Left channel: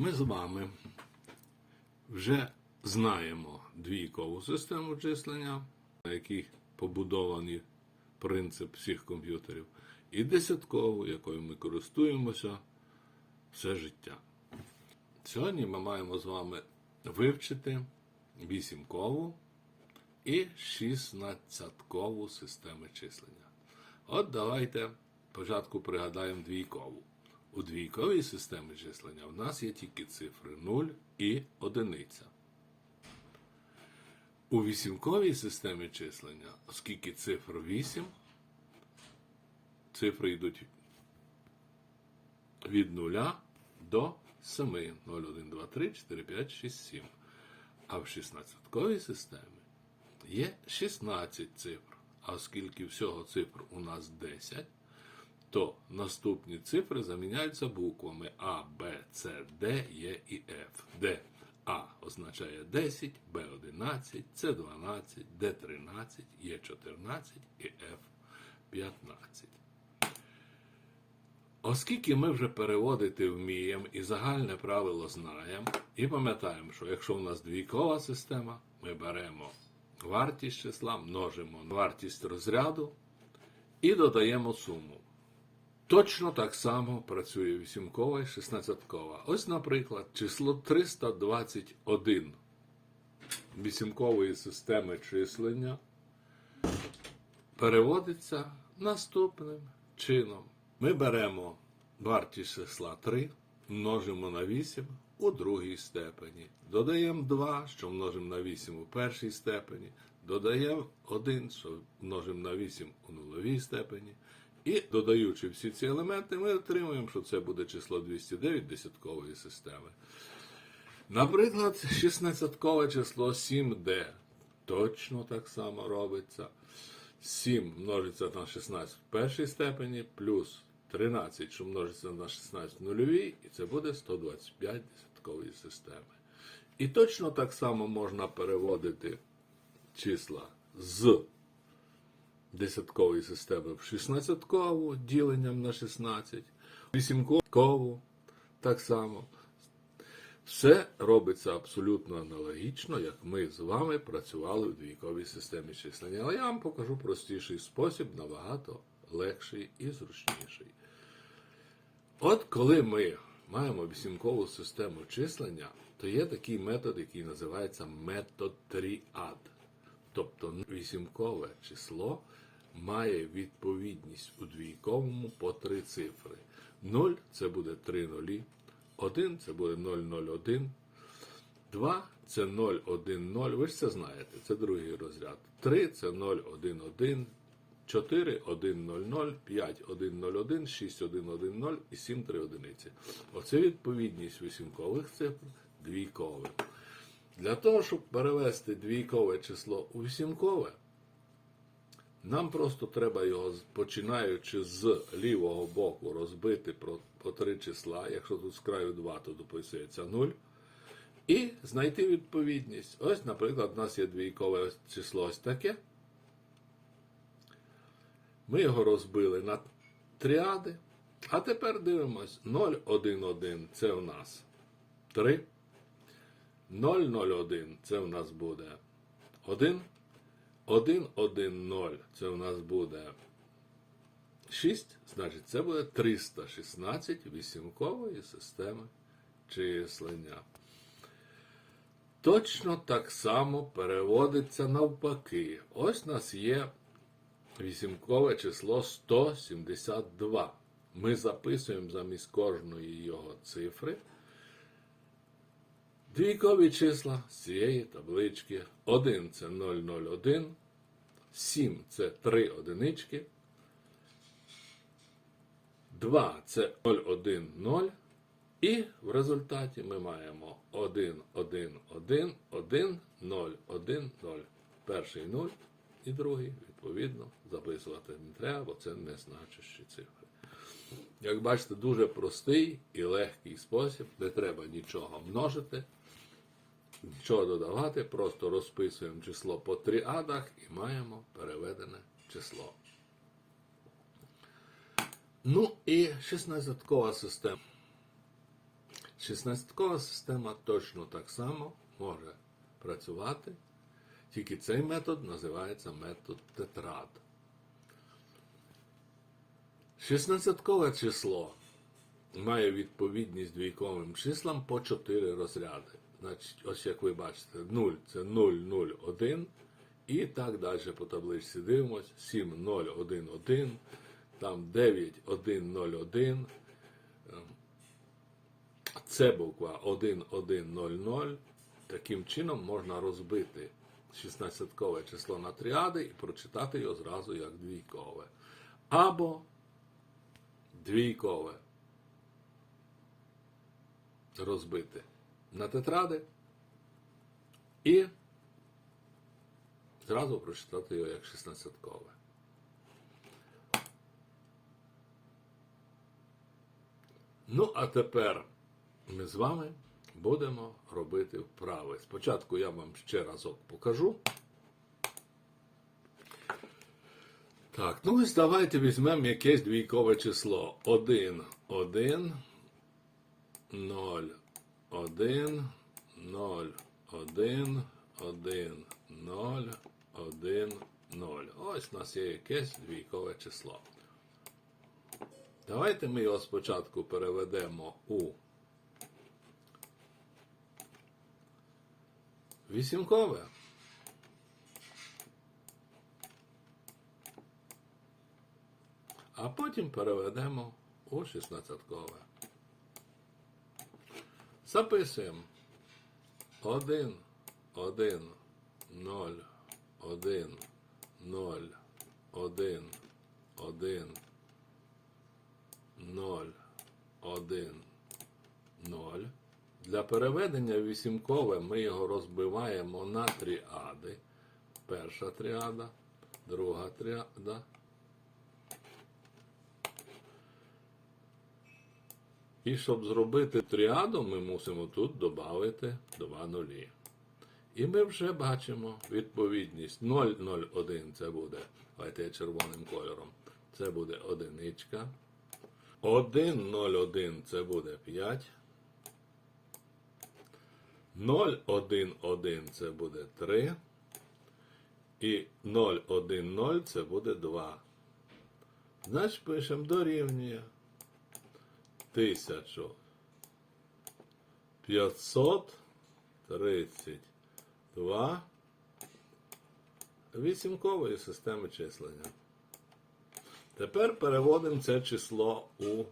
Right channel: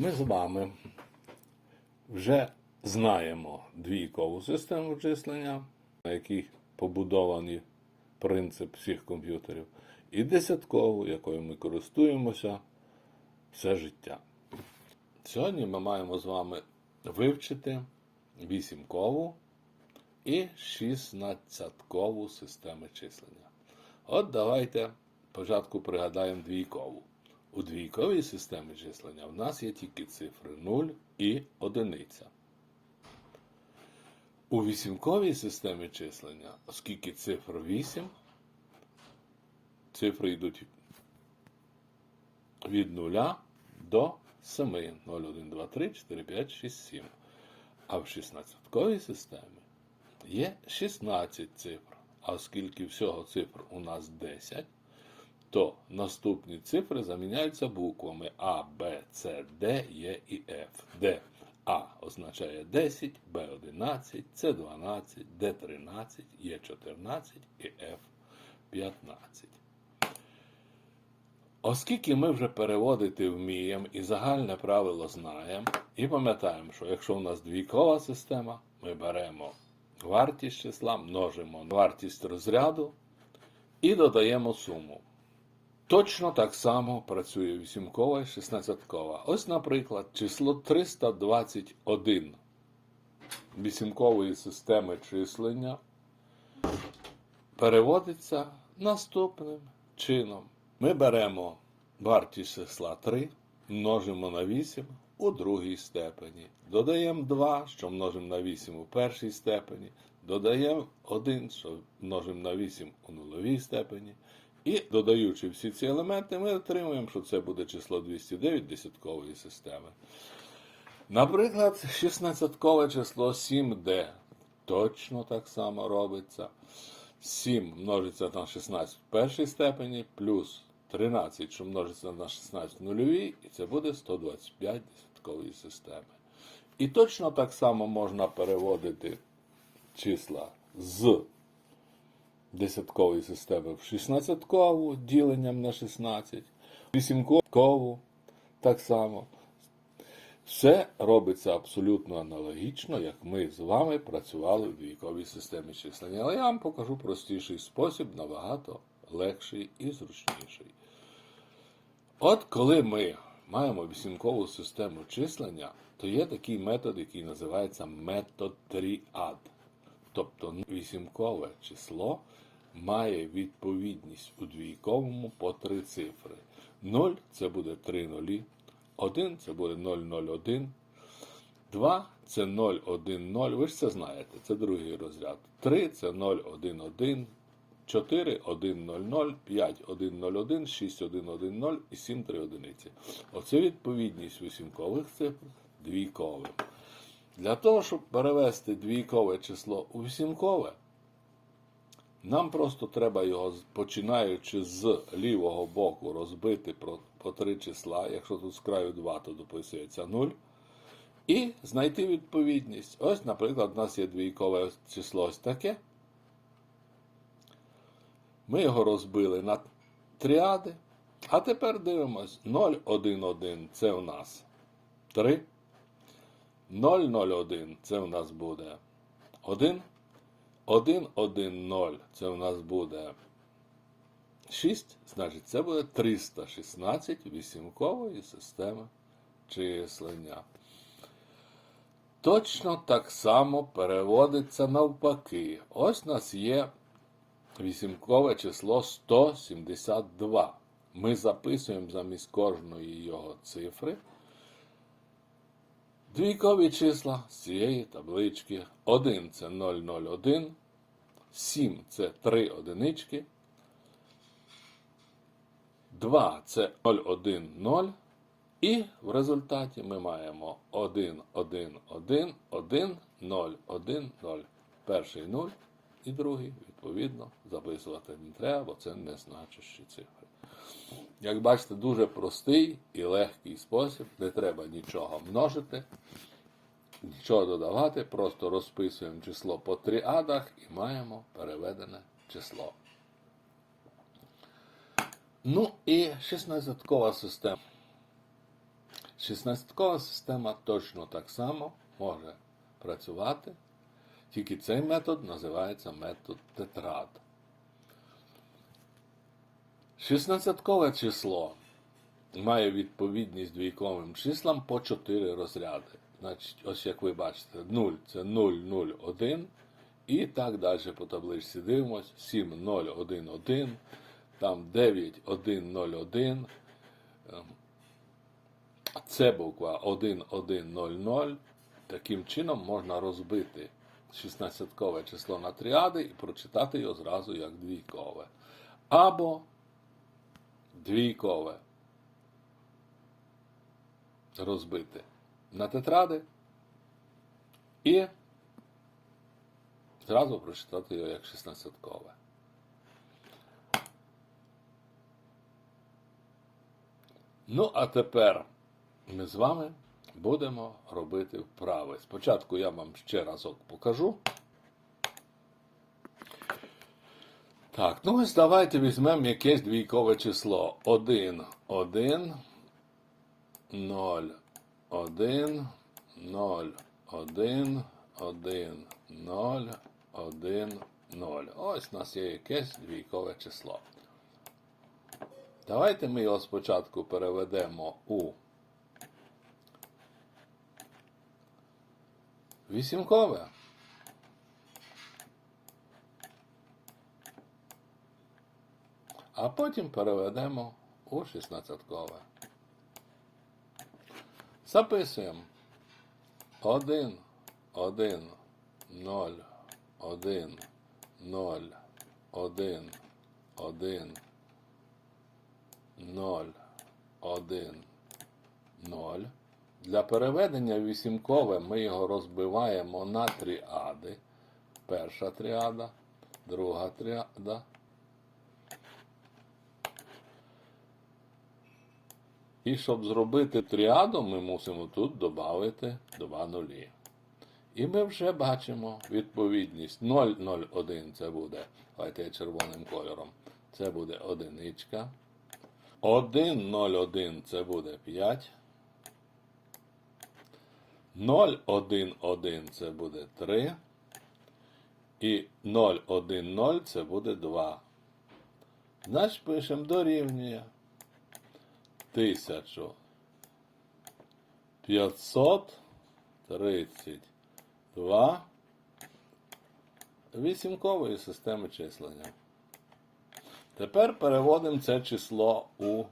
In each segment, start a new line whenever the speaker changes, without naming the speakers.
Ми з вами вже знаємо двійкову систему числення, на якій побудований принцип всіх комп'ютерів, і десяткову, якою ми користуємося все життя. Сьогодні ми маємо з вами вивчити вісімкову і шістнадцяткову системи числення. От давайте спочатку пригадаємо двійкову. У двійковій системі числення в нас є тільки цифри 0 і 1. У вісімковій системі числення, оскільки цифр 8, цифри йдуть від 0 до 7. 0, 1, 2, 3, 4, 5, 6, 7. А в 16-ковій системі є 16 цифр. А оскільки всього цифр у нас 10, то наступні цифри заміняються буквами А, Б, С, Д, Е і Ф, де А означає 10, Б 11, С 12, Д 13, Е 14 і Ф 15. Оскільки ми вже переводити вміємо і загальне правило знаємо, і пам'ятаємо, що якщо в нас двійкова система, ми беремо вартість числа, множимо вартість розряду і додаємо суму. Точно так само працює вісімкова і шістнадцяткова. Ось, наприклад, число 321 вісімкової системи числення переводиться наступним чином. Ми беремо вартість числа 3, множимо на 8 у другій степені. Додаємо 2, що множимо на 8 у першій степені. Додаємо 1, що множимо на 8 у нуловій степені. І додаючи всі ці елементи, ми отримуємо, що це буде число 209 десяткової системи. Наприклад, 16-кове число 7D. Точно так само робиться. 7 множиться на 16 в першій степені, плюс 13, що множиться на 16 в нульовій, і це буде 125 десяткової системи. І точно так само можна переводити числа з десяткової системи в 16-кову діленням на 16, 8-кову так само. Все робиться абсолютно аналогічно, як ми з вами працювали в двійковій системі числення. Але я вам покажу простіший спосіб, набагато легший і зручніший. От коли ми маємо вісімкову систему числення, то є такий метод, який називається метод тріад. Тобто вісімкове число має відповідність у двійковому по три цифри. 0 це буде 3 нулі, 1 це буде 001, 2 це 010, ви ж це знаєте, це другий розряд. 3 це 011, 4 100, 5 101, 6 110 і 7 3 одиниці. Оце відповідність вісімкових цифр двійковим. Для того, щоб перевести двійкове число у вісімкове, нам просто треба його, починаючи з лівого боку, розбити по, три числа. Якщо тут з краю 2, то дописується 0. І знайти відповідність. Ось, наприклад, у нас є двійкове число ось таке. Ми його розбили на тріади. А тепер дивимось 0, 1, 1 це у нас 3. 0, 0, 1 це у нас буде 1. 1, 1, 0 це у нас буде 6, значить це буде 316 вісімкової системи числення. Точно так само переводиться навпаки. Ось у нас є вісімкове число 172. Ми записуємо замість кожної його цифри. Двійкові числа з цієї таблички. 1 це 001, 7 це 3 одинички, 2 це 010, і в результаті ми маємо 1, 1, 1, 1, 0, 1, 0. Перший 0 і другий, відповідно, записувати не треба, бо це не значущі цифри. Як бачите, дуже простий і легкий спосіб, не треба нічого множити, нічого додавати, просто розписуємо число по тріадах і маємо переведене число. Ну і 16-кова система. 16-кова система точно так само може працювати, тільки цей метод називається метод тетрад. 16-кове число має відповідність двійковим числам по 4 розряди. Значить, ось як ви бачите, 0 це 0, 0, 1. І так далі по табличці дивимось. 7, 0, 1, 1. Там 9, 1, 0, 1. Ем, Це буква 1, 1, 0, 0. Таким чином можна розбити 16-кове число на тріади і прочитати його зразу як двійкове. Або двійкове розбити на тетради і зразу прочитати його як 16-кове. Ну, а тепер ми з вами будемо робити вправи. Спочатку я вам ще разок покажу. Так, ну ось давайте візьмемо якесь двійкове число. 1, 1, 0, 1, 0, 1, 1, 0, 1, 0. Ось у нас є якесь двійкове число. Давайте ми його спочатку переведемо у вісімкове. А потім переведемо у 16-кове. Записуємо 1, 1, 0, 1, 0, 1, 1, 0, 1, 0. Для переведення вісімкове ми його розбиваємо на тріади. Перша тріада, друга тріада. І щоб зробити тріаду, ми мусимо тут додати два нулі. І ми вже бачимо відповідність 0,01 це буде, давайте я червоним кольором. Це буде одиничка. 1,01 це буде 5. 0,11 це буде 3. І 0,10 це буде 2. Значить, пишемо дорівнює. 1532 вісімкової системи числення. Тепер переводимо це число у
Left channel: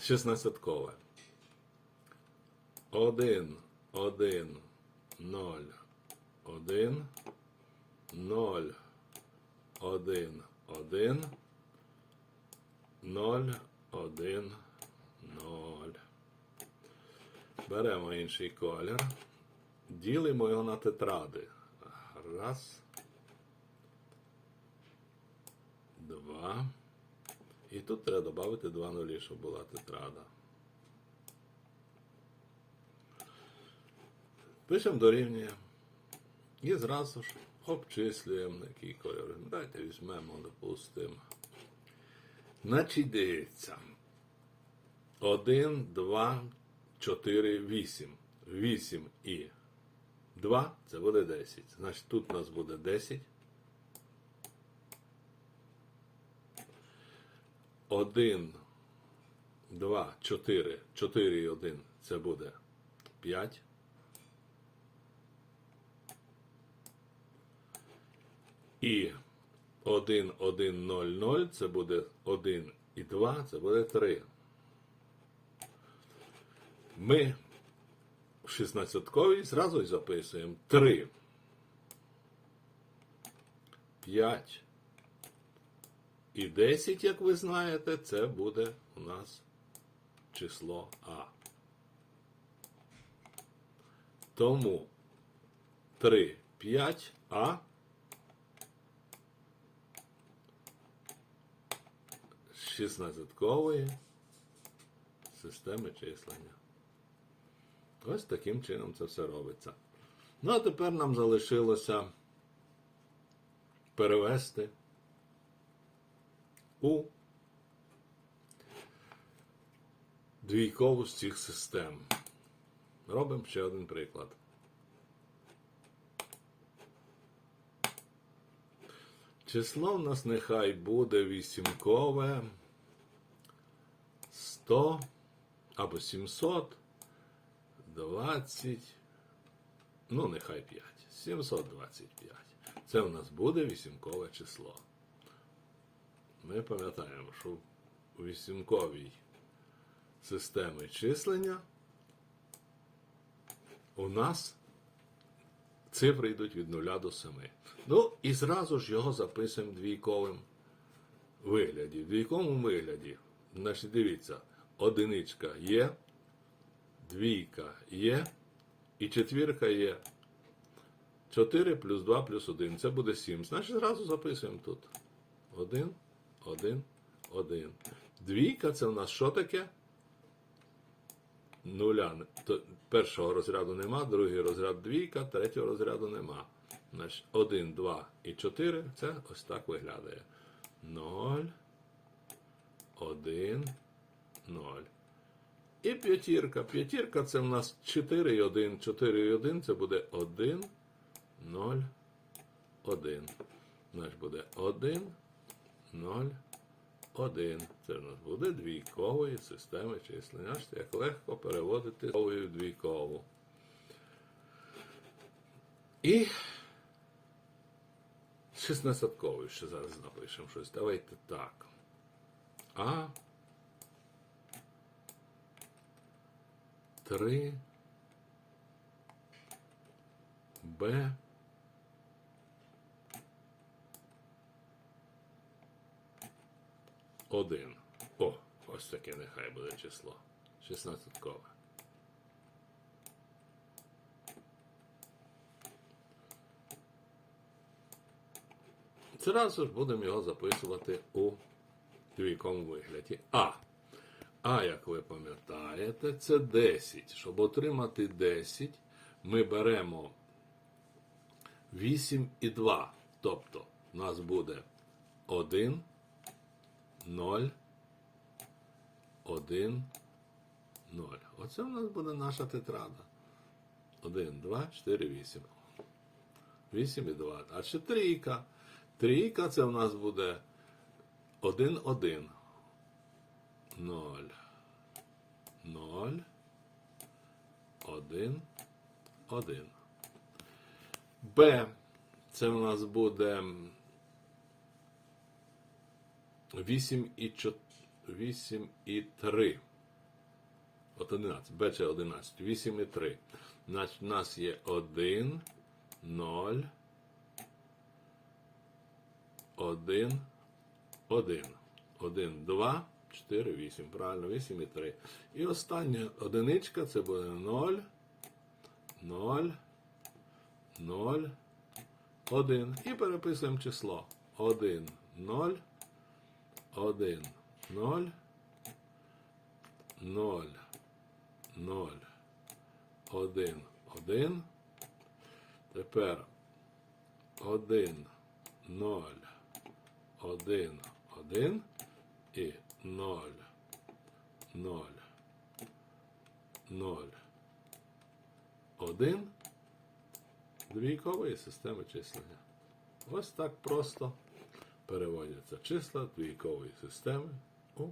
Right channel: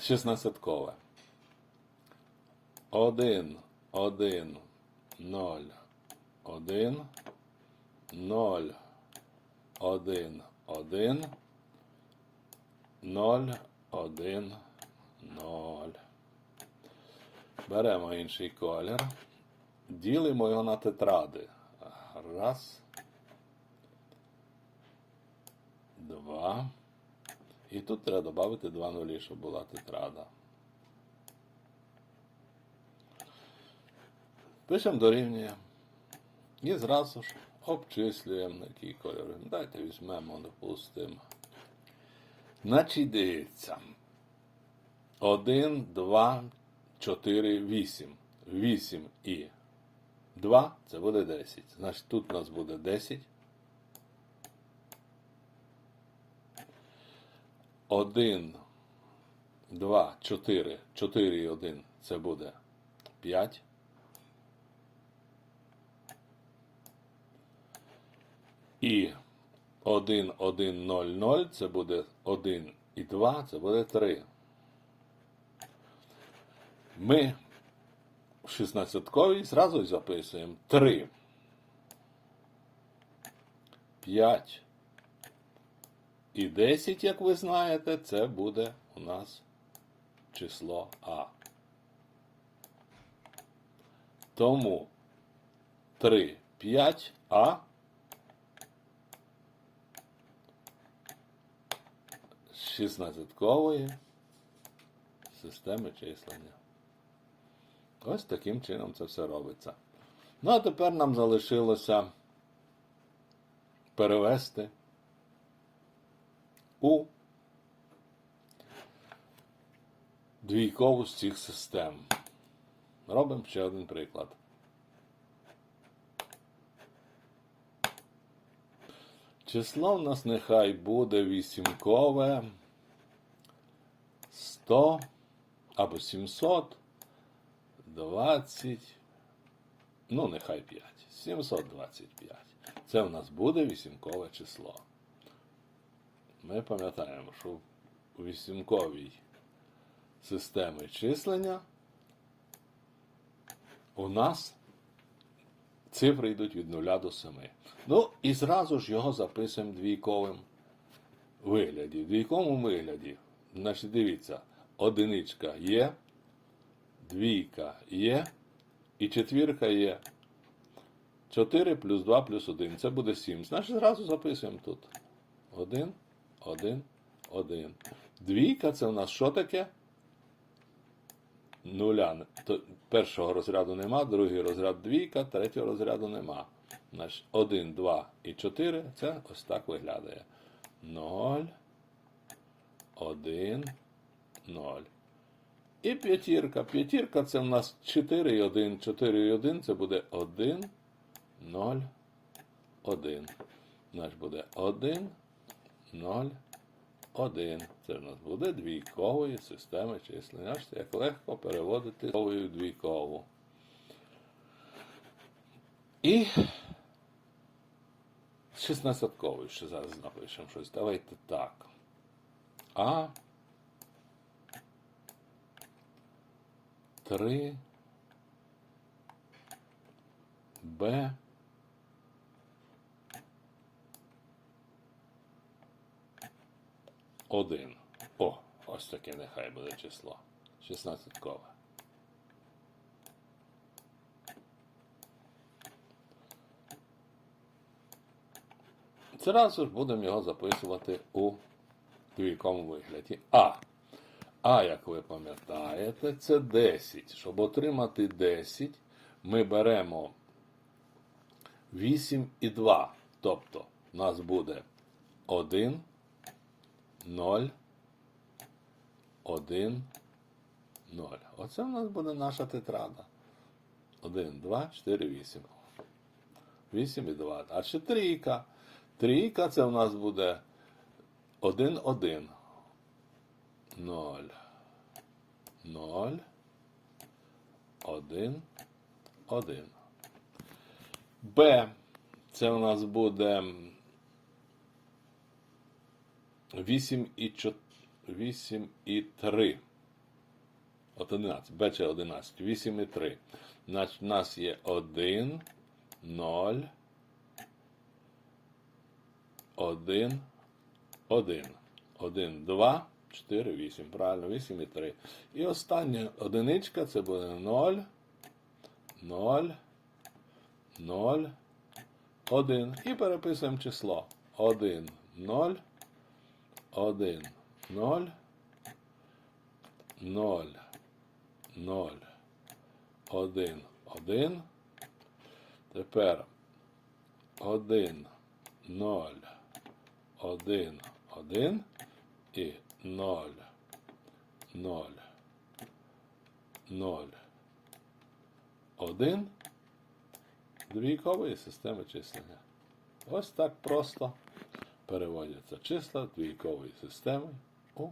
16-кове. 1, 1, 0, 1, 0, 1, 1, 0, 1, 0. Беремо інший колір. Ділимо його на тетради. Раз. Два. І тут треба додати два нулі, щоб була тетрада. Пишемо дорівнює. І зразу ж обчислюємо на який кольор. Дайте візьмемо, допустимо. Значить, дивіться. 1, 2, 4, 8. 8 і 2 це буде 10. Значить, тут у нас буде 10. 1, 2, 4, 4 і 1 це буде 5. І 1, 1, 0, 0 це буде 1 і 2, це буде 3. Ми в 16-ковій зразу записуємо 3. 5 і 10, як ви знаєте, це буде у нас число А. Тому 3, 5, А з 16-кової системи числення. Ось таким чином це все робиться. Ну, а тепер нам залишилося перевести у двійкову з цих систем. Робимо ще один приклад. Число в нас нехай буде вісімкове 100 або 720, ну нехай 5. 725. Це в нас буде вісімкове число. Ми пам'ятаємо, що у вісімковій системі числення у нас цифри йдуть від 0 до 7. Ну і зразу ж його записуємо двійковим вигляді. В двійковому вигляді, значить, дивіться, одиничка є, двійка є, і четвірка є. 4 плюс 2 плюс 1. Це буде 7. Значить, зразу записуємо тут. 1, 1, 1. Двійка це у нас що таке? Нуля. Першого розряду нема, другий розряд двійка, третього розряду нема. Значить, 1, 2 і 4 це ось так виглядає. 0, 1, 0. І п'ятірка. П'ятірка це в нас 4 і 1. 4 і 1 це буде 1, 0, 1. Значить буде 1, 0, 1. Це в нас буде двійкової системи числення. Як легко переводити в двійкову. І 16-ковий ще зараз напишемо щось. Давайте так. А. 3. Б. Один. О, ось таке нехай буде число. 16-кове. Зразу ж будемо його записувати у двійковому вигляді. А. А, як ви пам'ятаєте, це 10. Щоб отримати 10, ми беремо 8 і 2. Тобто, у нас буде 1, 0, 1, 0. Оце в нас буде наша тетрада. 1, 2, 4, 8. 8 і 2. А ще трійка. Трійка це в нас буде 1, 1. 0. 0. 1. 1. Б. Це у нас буде 8 і 4. 8 і 3. От 11. Б це 11. 8 і 3. Значить, у нас є 1, 0, 1, 1. 1, 2, 4, 8. Правильно, 8 і 3. І остання одиничка це буде 0, 0, 0, 1. І переписуємо число. 1, 0, 1, 0, 0, 0, 1, 1. Тепер 1, 0, 1, 1 і 0, 0, 0, 1 двійкової системи числення. Ось так просто переводяться числа двійкової системи у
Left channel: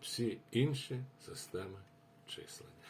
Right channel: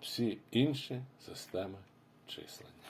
всі інші системи числення.